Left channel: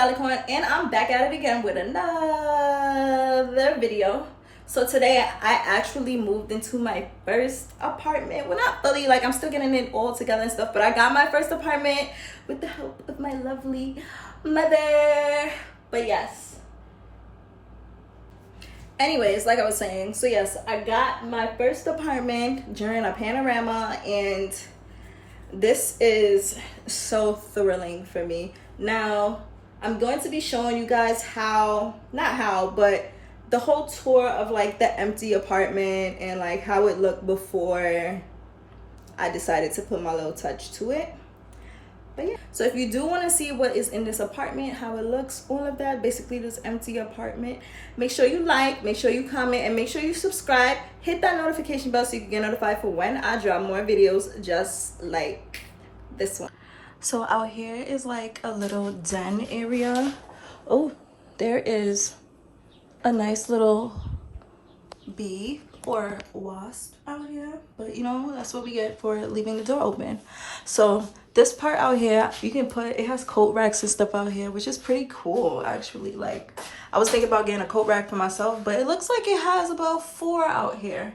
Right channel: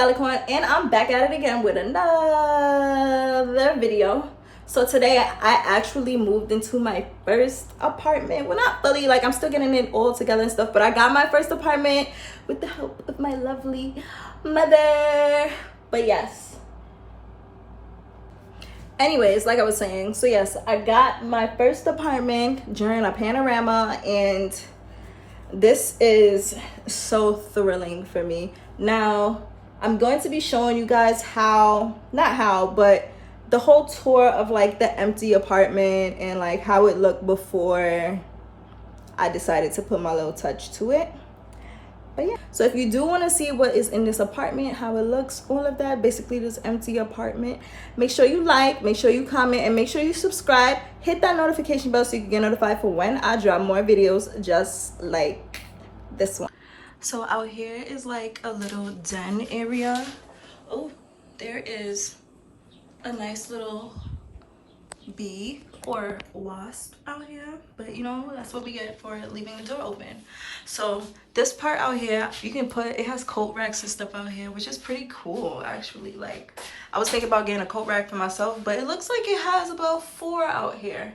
Stallicorn, and I'm back at it again with another video. So today I actually moved into my first apartment. Well, not fully, like I'm still getting it all together and stuff, but I got my first apartment with the help of my lovely mother. But yes. Anyways, like I was saying, so yes, I got my first apartment during a panorama, and this is so thrilling for me. Now, I'm going to be showing you guys but the whole tour of like the empty apartment and like how it looked before I decided to put my little touch to it. But yeah, so if you do want to see what is in this apartment, how it looks, all of that, basically this empty apartment, make sure you like, make sure you comment, and make sure you subscribe. Hit that notification bell so you can get notified for when I drop more videos just like this one. So out here is like a little den area. Oh, there is a nice little bee or wasp out here, but you know, that's what we get for leaving the door open. So this part out here, you can put, it has coat racks and stuff out here, which is pretty cool actually. Like I was thinking about getting a coat rack for myself, but it looks like it has about 4 out here.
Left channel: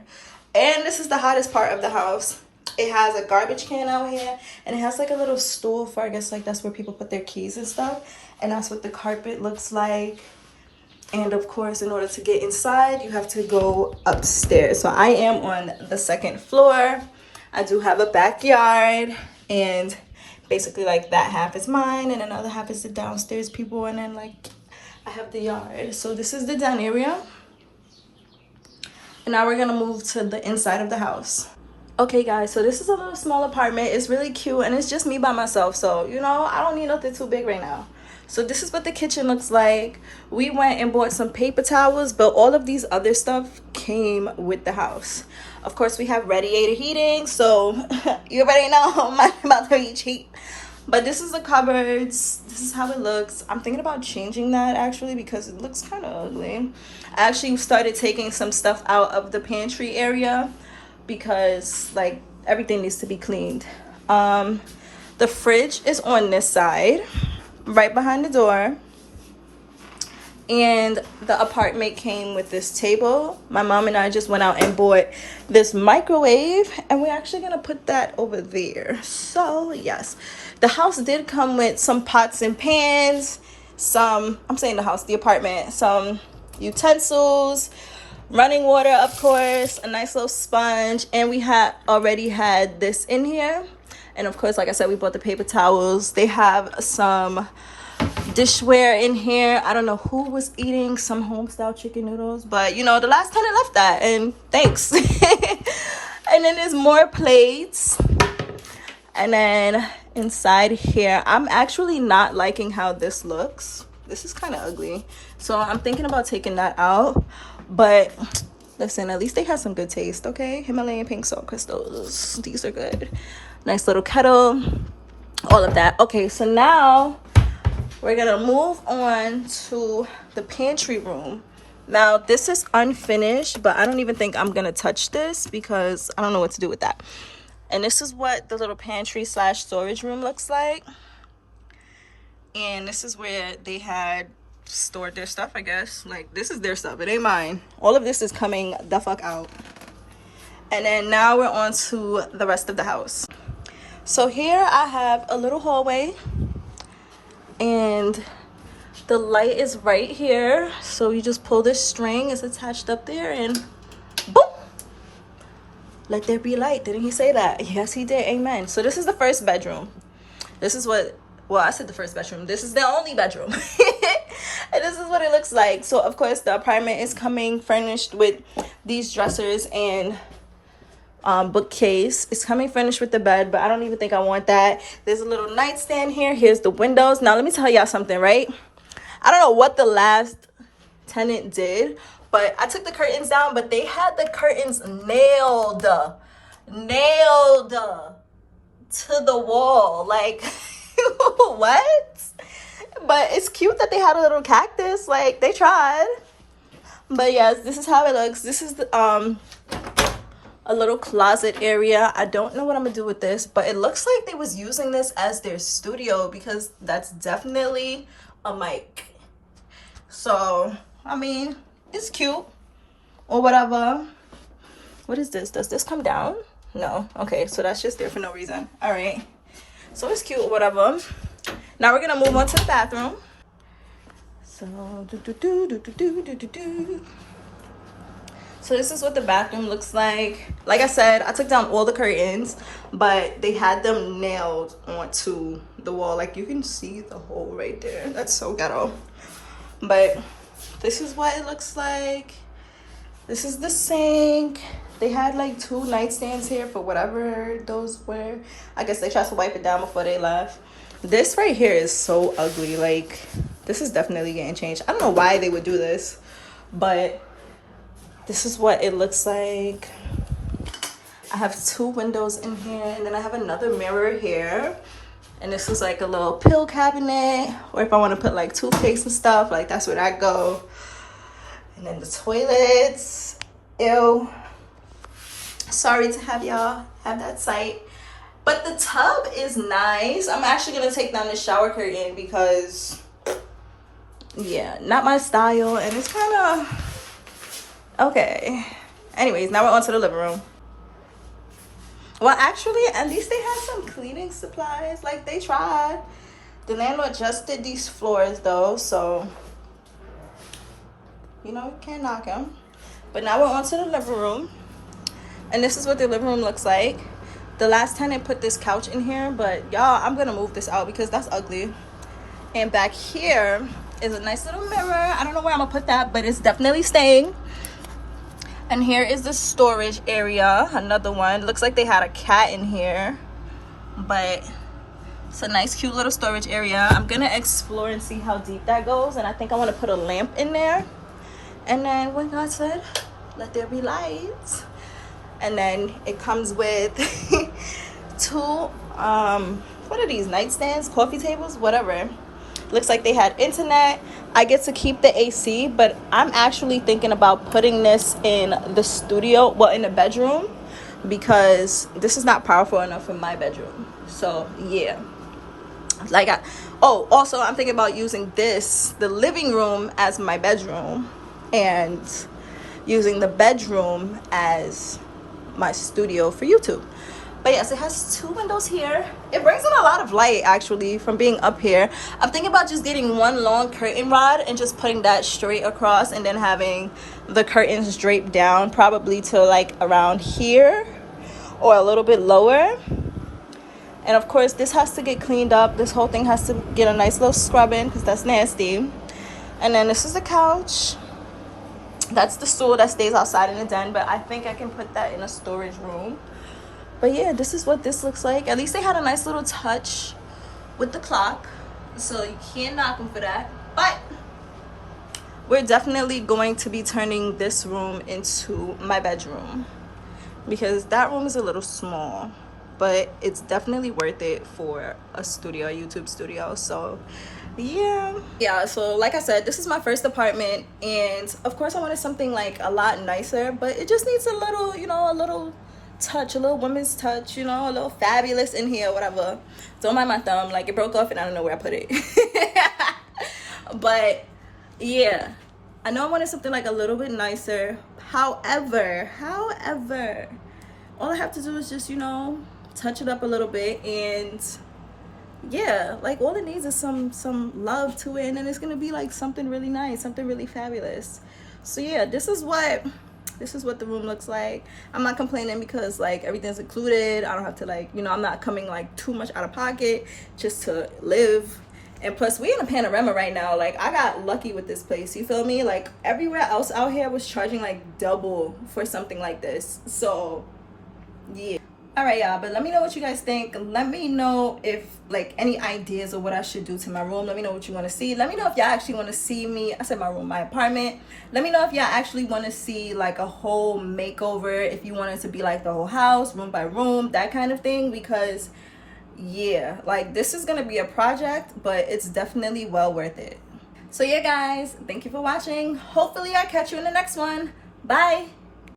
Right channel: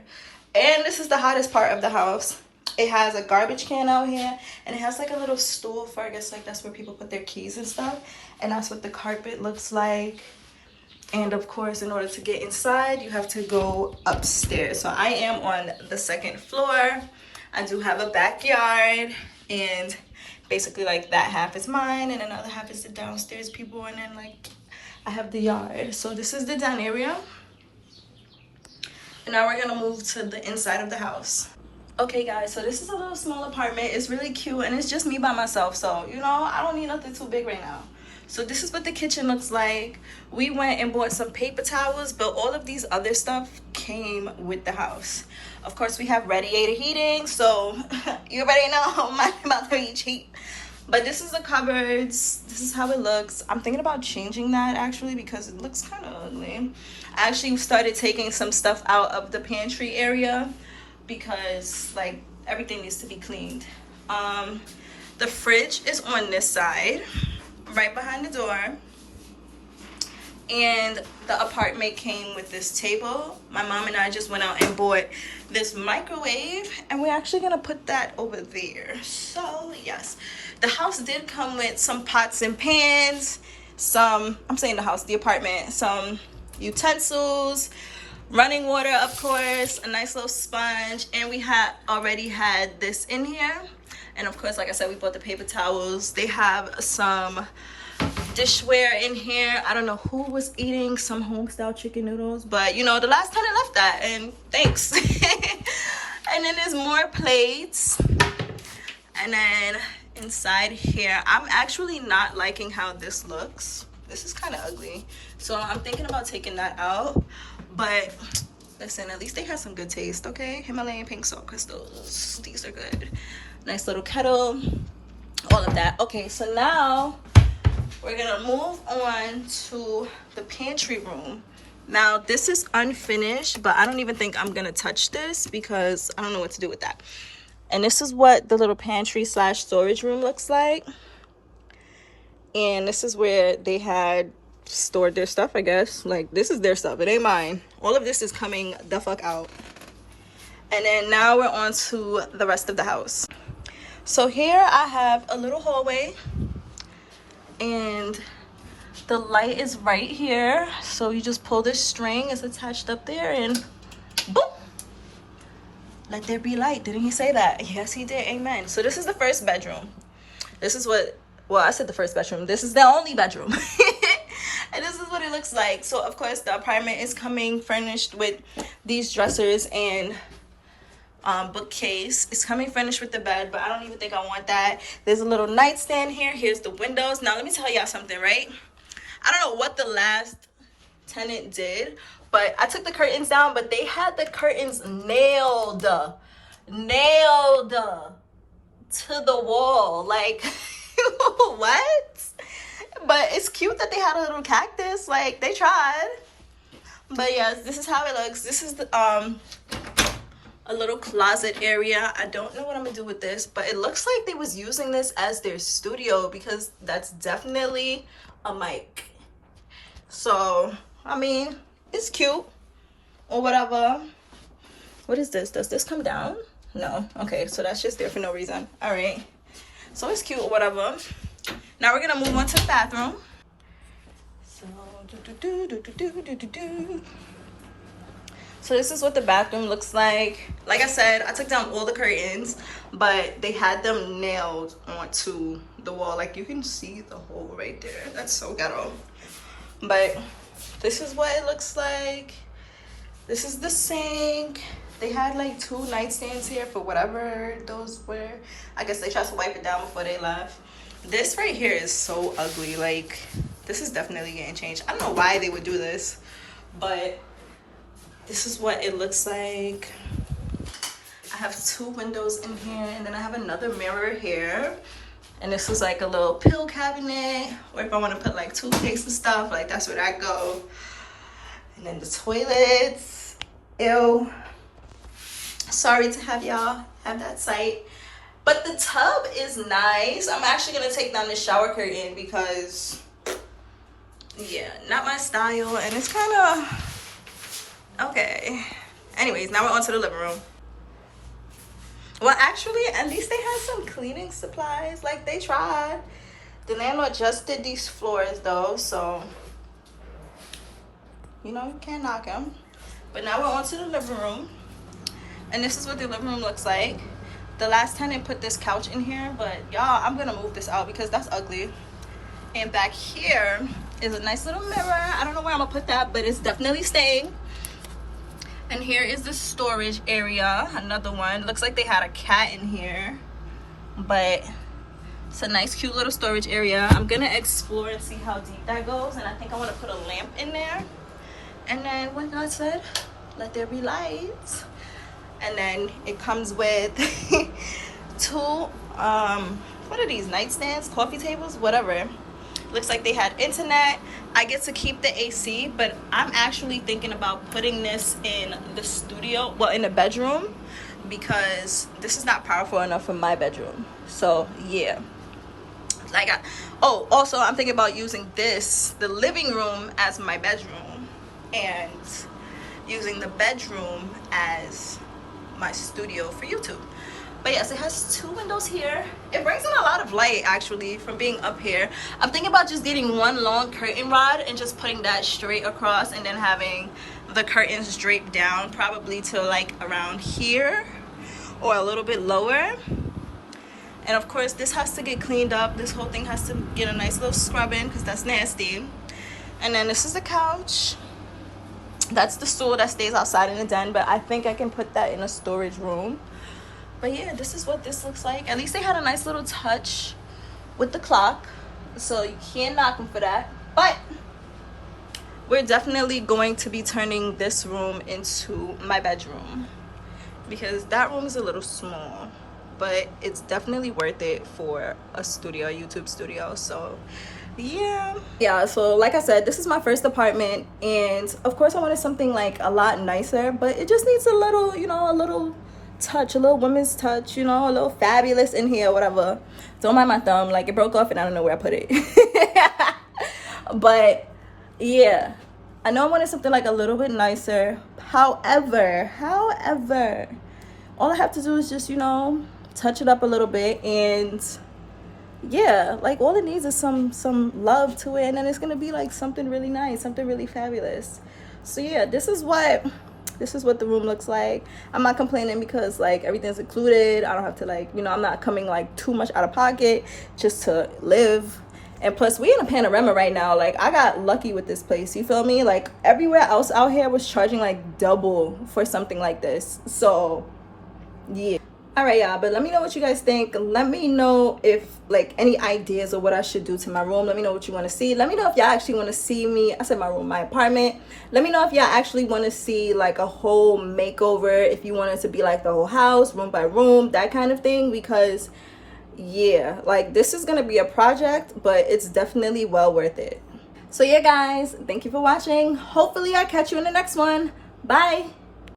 And this is the hottest part of the house. It has a garbage can out here, and it has like a little stool for, I guess like that's where people put their keys and stuff. And that's what the carpet looks like. And of course, in order to get inside, you have to go upstairs. So I am on the 2nd floor. I do have a backyard, and basically like that half is mine and another half is the downstairs people, and then like I have the yard. So this is the den area. And now we're gonna move to the inside of the house. Okay guys, so this is a little small apartment. It's really cute, and it's just me by myself, so you know, I don't need nothing too big right now. So this is what the kitchen looks like. We went and bought some paper towels, but all of these other stuff came with the house. Of course, we have radiator heating, so you already know my mother is cheap. But this is the cupboards. This is how it looks. I'm thinking about changing that actually because it looks kind of ugly. I actually started taking some stuff out of the pantry area because like everything needs to be cleaned. The fridge is on this side, right behind the door, and the apartment came with this table. My mom and I just went out and bought this microwave, and we're actually gonna put that over there. So yes, the house did come with some pots and pans, some, I'm saying the house, the apartment, some utensils, running water, of course, a nice little sponge, and we had already had this in here. And of course, like I said, we bought the paper towels. They have some dishware in here. I don't know who was eating some home-style chicken noodles, but you know, the last time I left that, and thanks. And then there's more plates. And then inside here, I'm actually not liking how this looks. This is kind of ugly. So I'm thinking about taking that out. But listen, at least they have some good taste, okay? Himalayan pink salt crystals. These are good. Nice little kettle, all of that. Okay, so now we're gonna move on to the pantry room. Now this is unfinished, but I don't even think I'm gonna touch this because I don't know what to do with that. And this is what the little pantry / storage room looks like. And this is where they had stored their stuff, I guess. Like this is their stuff, it ain't mine. All of this is coming the fuck out. And then now we're on to the rest of the house. So here I have a little hallway, and the light is right here. So you just pull this string, it's attached up there, and boom, let there be light. Didn't he say that? Yes, he did. Amen. So this is the first bedroom. This is what, well, I said the first bedroom. This is the only bedroom. And this is what it looks like. So of course the apartment is coming furnished with these dressers and bookcase. It's coming furnished with the bed, but I don't even think I want that. There's a little nightstand here. Here's the windows. Now let me tell y'all something, right? I don't know what the last tenant did, but I took the curtains down, but they had the curtains nailed to the wall. Like what? But it's cute that they had a little cactus. Like they tried. But yes, this is how it looks. This is the a little closet area. I don't know what I'm gonna do with this, but it looks like they was using this as their studio, because that's definitely a mic. So I mean, it's cute or whatever. What is this? Does this come down? No. Okay, so that's just there for no reason. All right, so it's cute or whatever. Now we're gonna move on to the bathroom. So so this is what the bathroom looks like. Like I said, I took down all the curtains, but they had them nailed onto the wall. Like you can see the hole right there. That's so ghetto. But this is what it looks like. This is the sink. They had like 2 nightstands here for whatever those were. I guess they tried to wipe it down before they left. This right here is so ugly. Like, this is definitely getting changed. I don't know why they would do this, but this is what it looks like. I have 2 windows in here, and then I have another mirror here. And this is like a little pill cabinet, or if I want to put like toothpaste and stuff, like that's where that go. And then the toilets. Ew. Sorry to have y'all have that sight. But the tub is nice. I'm actually gonna take down the shower curtain because, yeah, not my style, and it's kind of okay. Anyways, now we're on to the living room. Well, actually, at least they had some cleaning supplies. Like, they tried. The landlord just did these floors, though, so, you know, you can't knock him. But now we're on to the living room. And this is what the living room looks like. The last tenant put this couch in here, but, y'all, I'm going to move this out because that's ugly. And back here is a nice little mirror. I don't know where I'm going to put that, but it's definitely staying. And here is the storage area, another one. Looks like they had a cat in here, but it's a nice, cute little storage area. I'm gonna explore and see how deep that goes, and I think I want to put a lamp in there. And then when God said, let there be lights. And then it comes with 2, what are these, nightstands, coffee tables, whatever. Looks like they had internet. I get to keep the AC, but I'm actually thinking about putting this in the studio, well, in the bedroom, because this is not powerful enough for my bedroom. So yeah, like also I'm thinking about using the living room as my bedroom, and using the bedroom as my studio for YouTube. But yes, it has 2 windows here. It brings in a lot of light, actually, from being up here. I'm thinking about just getting 1 long curtain rod and just putting that straight across, and then having the curtains draped down probably to like around here or a little bit lower. And of course, this has to get cleaned up. This whole thing has to get a nice little scrubbing because that's nasty. And then this is the couch. That's the stool that stays outside in the den, but I think I can put that in a storage room. But yeah, this is what this looks like. At least they had a nice little touch with the clock, so you can't knock them for that. But we're definitely going to be turning this room into my bedroom, because that room is a little small, but it's definitely worth it for a studio, a YouTube studio. So yeah, so like I said, this is my first apartment, and of course I wanted something like a lot nicer, but it just needs a little, you know, a little touch, a little woman's touch, you know, a little fabulous in here, whatever. Don't mind my thumb, like it broke off and I don't know where I put it. But yeah, I know I wanted something like a little bit nicer. However, all I have to do is just, you know, touch it up a little bit, and yeah, like all it needs is some love to it, and then it's gonna be like something really nice, something really fabulous. So yeah, this is what the room looks like. I'm not complaining because like everything's included. I don't have to, like, you know, I'm not coming like too much out of pocket just to live. And plus, we in a panorama right now. Like, I got lucky with this place, you feel me? Like everywhere else out here was charging like double for something like this. So yeah. All right, y'all, but let me know what you guys think. Let me know if like any ideas of what I should do to my room. Let me know what you want to see. Let me know if y'all actually want to see me, I said my room, my apartment. Let me know if y'all actually want to see like a whole makeover, if you want it to be like the whole house, room by room, that kind of thing. Because yeah, like this is gonna be a project, but it's definitely well worth it. So yeah, guys, thank you for watching. Hopefully I'll catch you in the next one. Bye.